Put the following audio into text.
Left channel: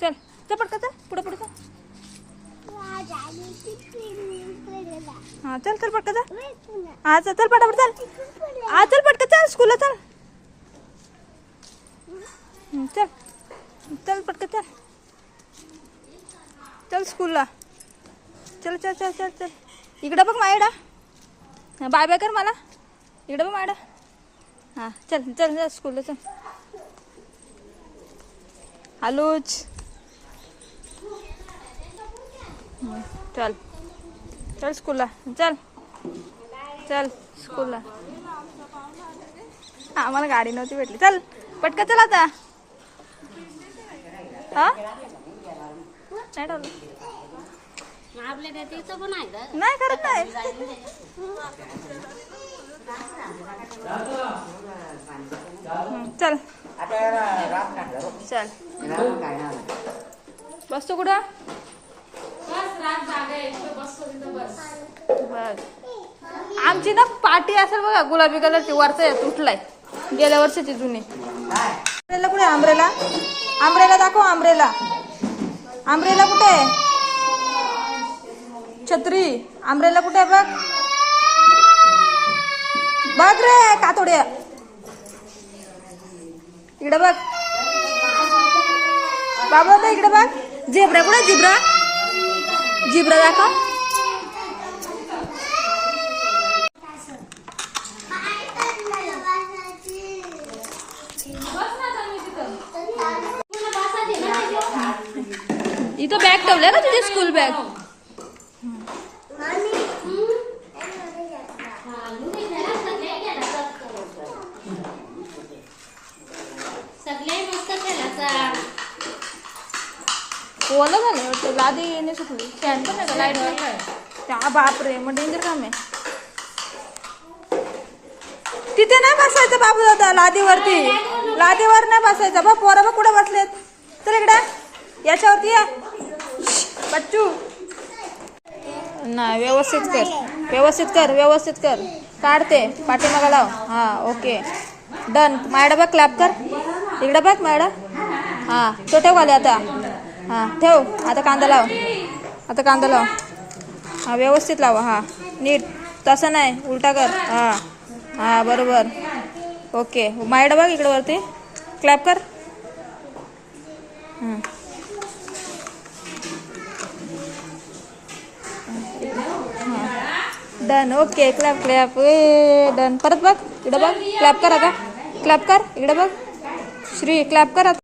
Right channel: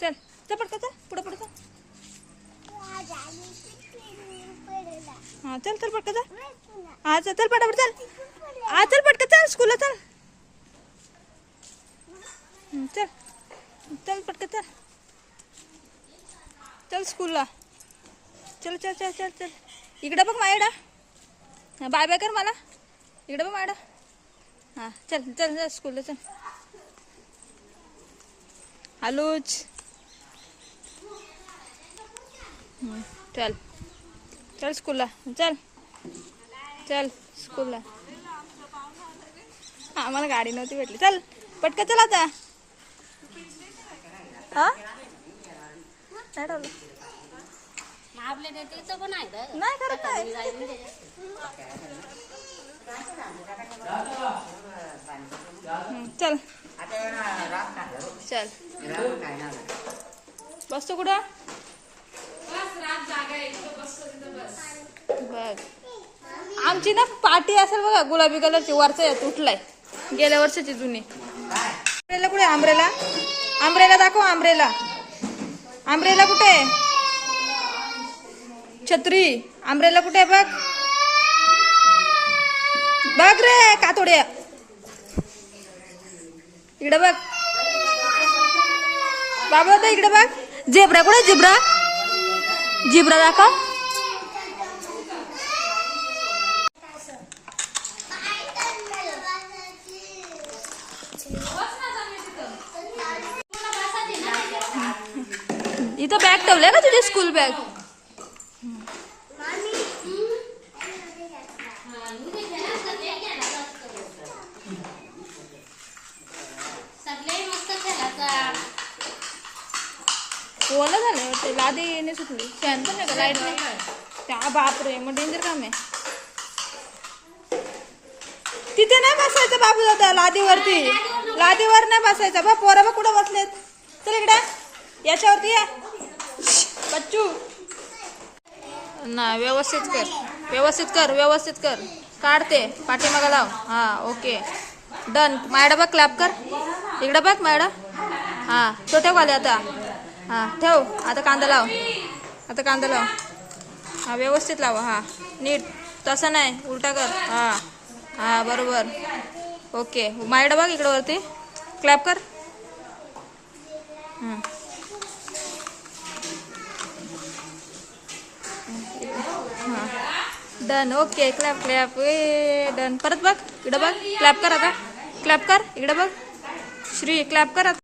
चल चल पटकन चल पुढे पुढे चल. हाँ चल चल पटकन चल. हाँ चल चल पटापट चल. हाँ चल पटकन चल स्कूलला चल. चल चल पटकन चल. चल स्कूलला. चल चल चल चल चल. इकडे बघ माझ्याकडे. बाय बाय कर मला. इकडे बघ माझ्याकडे. हाँ चल चल चल स्कूलला चल. आलूच. चल चल स्कूलला चल. चल स्कूलला. आम्हाला गाडी नव्हती भेटली. चल पटकन चल आता. हा नाही ठेवलं. नाही करत नाही. चल चल बसतो कुठं. बस आमची ना पाटी असेल बघा गुलाबी कलरची. वरचा यात उठलाय गेल्या वर्षाची जुनी. आंब्रेला कुठे. आंब्रेला आंब्रेला दाखव. आंब्रेला आंब्रेला कुठे. छत्री आंब्रेला कुठे बघ. बघ रे कातोड्या. इकडे बघ बाबा होता. इकडे बघ. झेब्रा कुठे. झेब्रा झेब्रा दाखव. इथं बॅग ठेवलं ना तुझी स्कूल बॅग. ओलं झालं ते. लादी येणे सुटली. फॅन पण नाही का. लाईट त्या बापरे मग डेंजर काम आहे. तिथे नाही बसायचं बाबू दादा. लादीवरती. लादीवर नाही बसायचं. बा पोरं बघ कुठे बसलेत. चल इकडे याच्यावरती या बच्चू. नाही व्यवस्थित कर. व्यवस्थित कर. व्यवस्थित कर. काढते पाठीमागा लाव. हा ओके डन. मॅडम बघ क्लॅप कर. इकडे बघ मॅडम. हा तो ठेव खाली आता. हा ठेव आता. कांदा लाव. आता कांदा लाव. हा व्यवस्थित लावा. हा नीट. तसं नाही उलटा कर. हा हा बरोबर. ओके मॅडम बघ इकडे वरती. क्लॅप कर. डन. Okay clap clap. ए डन. परत बघ इकडे बघ. क्लॅप कर आता. क्लॅप कर. इकडे बघ. श्री क्लॅप कर आता.